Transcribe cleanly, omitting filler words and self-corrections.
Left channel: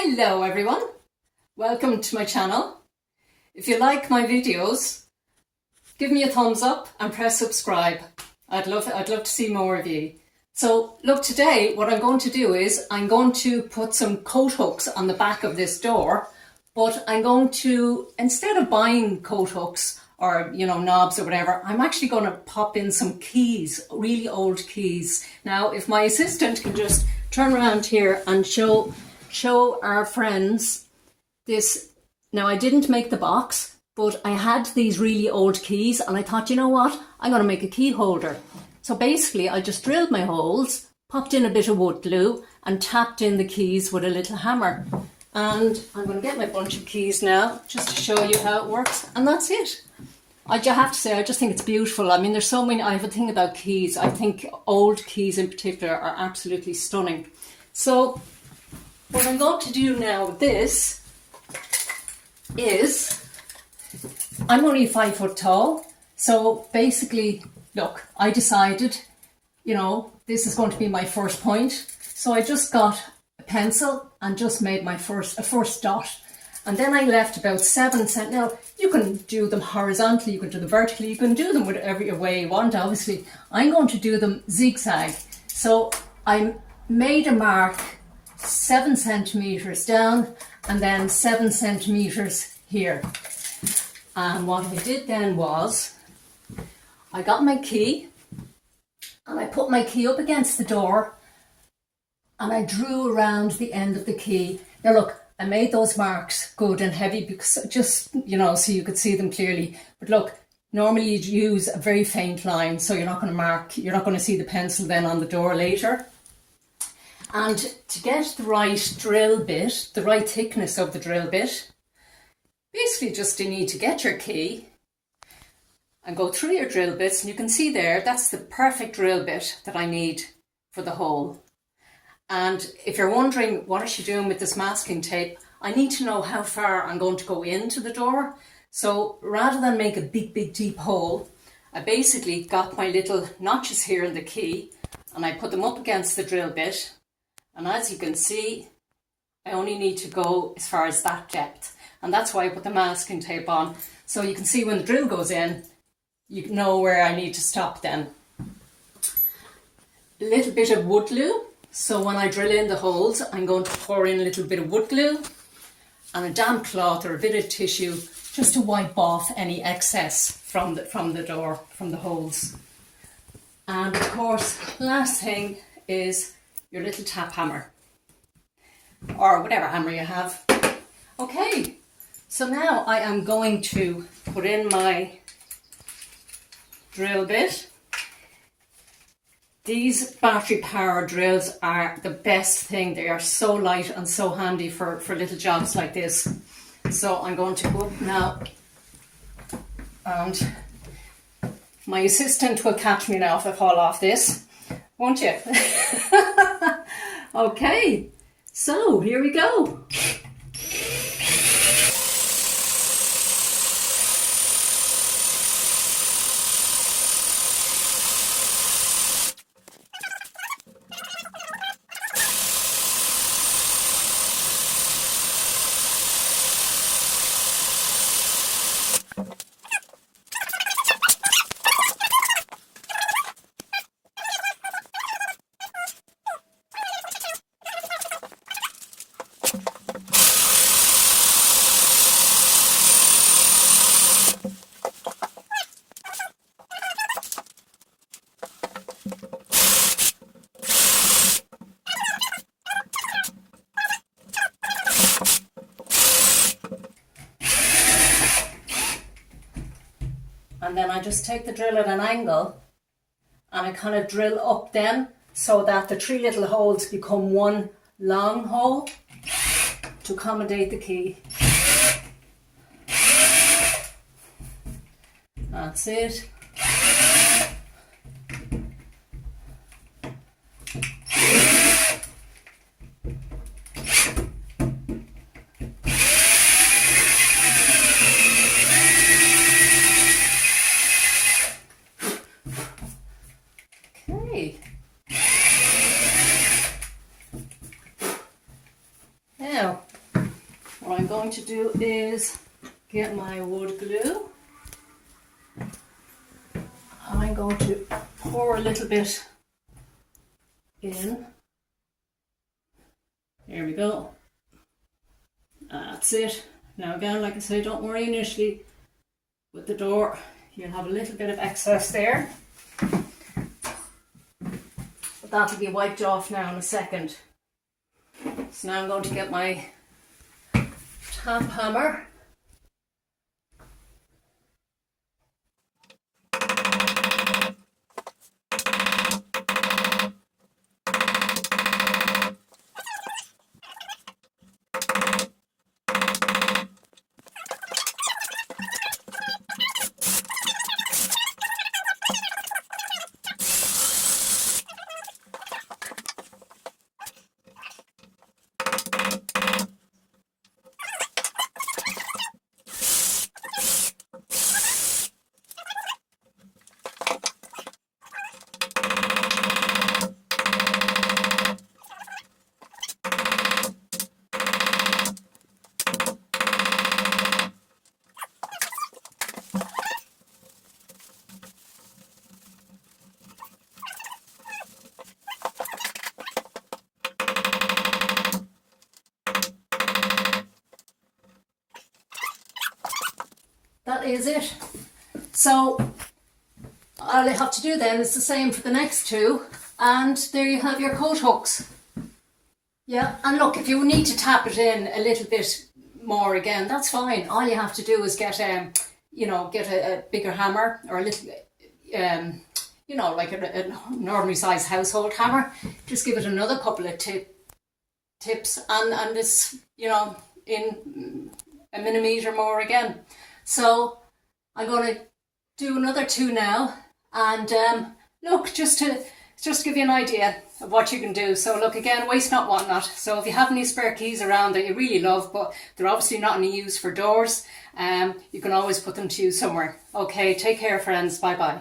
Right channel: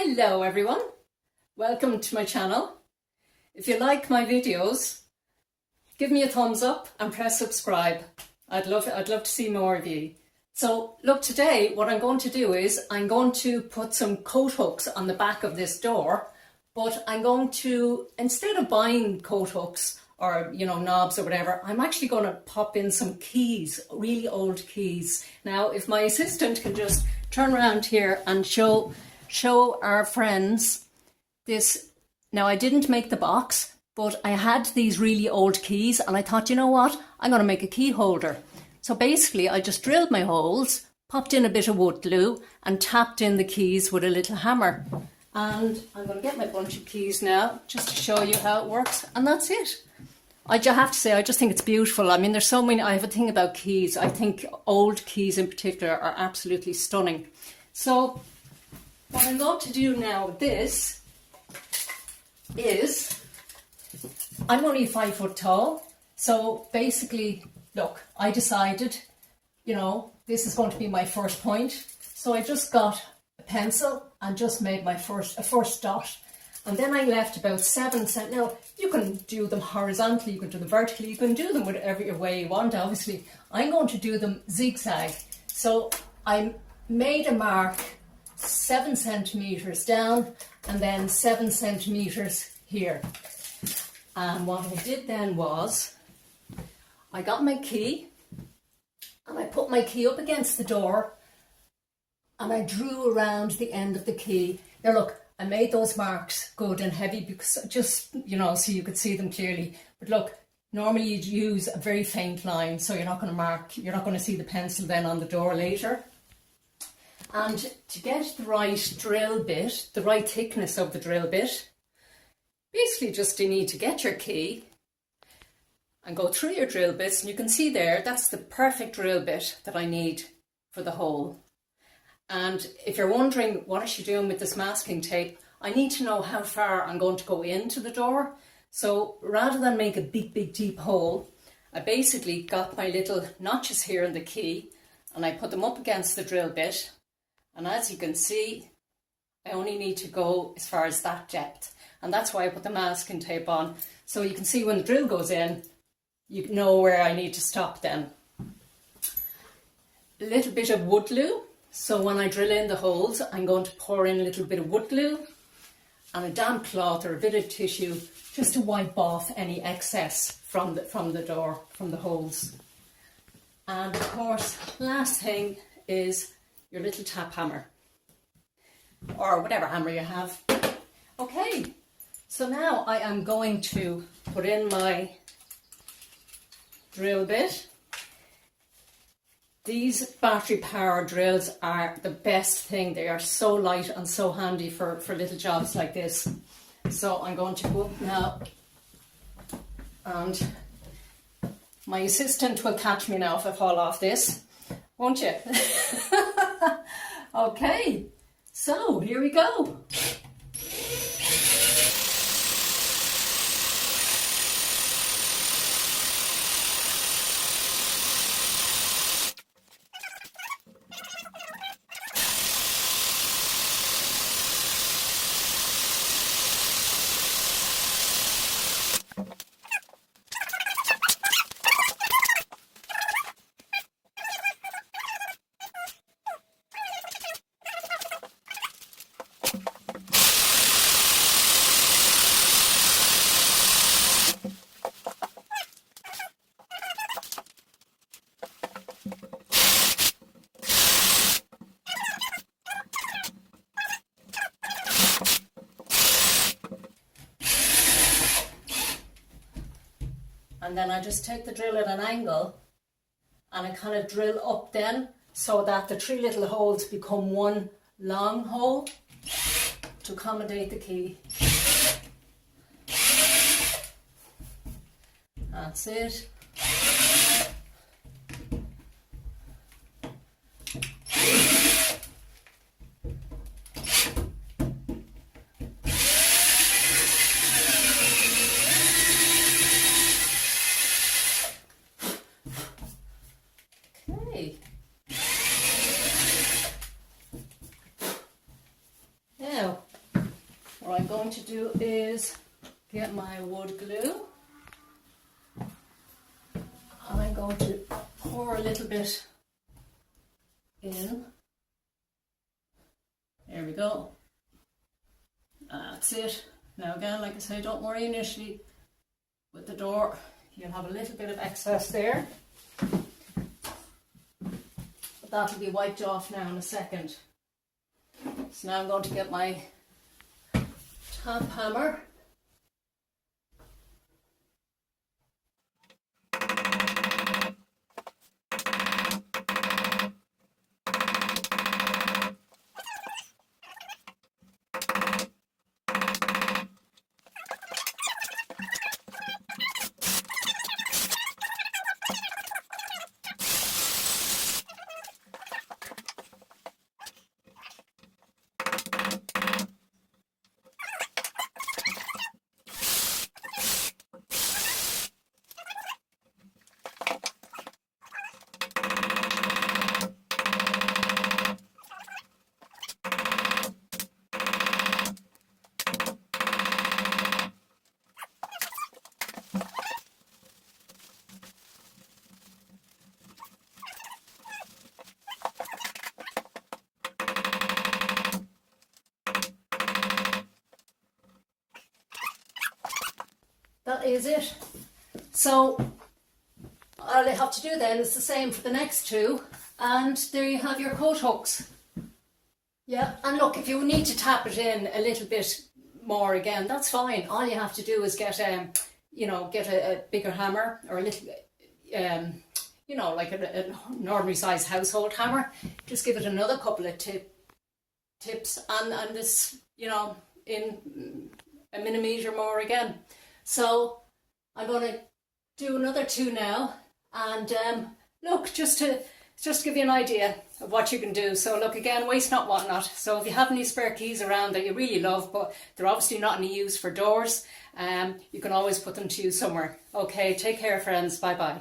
Hello everyone, welcome to my channel. If you like my videos, give me a thumbs up and press subscribe. I'd love to see more of you. So look, today what I'm going to do is I'm going to put some coat hooks on the back of this door, but I'm going to, instead of buying coat hooks or knobs or whatever, I'm actually going to pop in some keys, really old keys. Now if my assistant can just turn around here and show our friends this. Now I didn't make the box, but I had these really old keys and I thought, you know what, I'm going to make a key holder. So basically I just drilled my holes, popped in a bit of wood glue and tapped in the keys with a little hammer. And I'm going to get my bunch of keys now just to show you how it works, and that's it. I have to say, I just think it's beautiful. I mean, there's so many, I have a thing about keys. I think old keys in particular are absolutely stunning. So what I'm going to do now with this is, I'm only 5 foot tall, so basically, look, I decided, this is going to be my first point. So I just got a pencil and just made my first dot. And then I left about 7 centimeters. Now, you can do them horizontally, you can do them vertically, you can do them whatever way you want, obviously. I'm going to do them zigzag. So I made a mark 7 centimeters down and then 7 centimeters here. And what I did then was I got my key and I put my key up against the door and I drew around the end of the key. Now look, I made those marks good and heavy because just, so you could see them clearly. But look, normally you'd use a very faint line, so you're not going to see the pencil then on the door later. And to get the right drill bit, the right thickness of the drill bit, basically just you need to get your key and go through your drill bits, and you can see there, that's the perfect drill bit that I need for the hole. And if you're wondering what is she doing with this masking tape, I need to know how far I'm going to go into the door. So rather than make a big deep hole, I basically got my little notches here in the key and I put them up against the drill bit. And as you can see, I only need to go as far as that depth. And that's why I put the masking tape on. So you can see when the drill goes in, you know where I need to stop then. A little bit of wood glue. So when I drill in the holes, I'm going to pour in a little bit of wood glue and a damp cloth or a bit of tissue just to wipe off any excess from the door, from the holes. And of course, last thing is your little tap hammer or whatever hammer you have. Okay, so now I am going to put in my drill bit. These battery power drills are the best thing. They are so light and so handy for little jobs like this. So I'm going to go up now, and my assistant will catch me now if I fall off this, won't you? Okay, so here we go. And then I just take the drill at an angle and I kind of drill up then so that the 3 little holes become one long hole to accommodate the key. That's it. Now, what I'm going to do is get my wood glue. I'm going to pour a little bit in. There we go. That's it. Now again, like I say, don't worry initially with the door. You'll have a little bit of excess there. But that'll be wiped off now in a second. So now I'm going to get my tap hammer. That is it. So all I have to do then is the same for the next two, and there you have your coat hooks. Yeah, and look, if you need to tap it in a little bit more again, that's fine. All you have to do is get get a bigger hammer, or a little like an ordinary size household hammer. Just give it another couple of tips and it's in a millimetre more again. So I'm going to do another two now, and look, just to give you an idea of what you can do. So look, again, waste not, want not. So if you have any spare keys around that you really love, but they're obviously not any use for doors, you can always put them to use somewhere. Okay, take care, friends. Bye bye.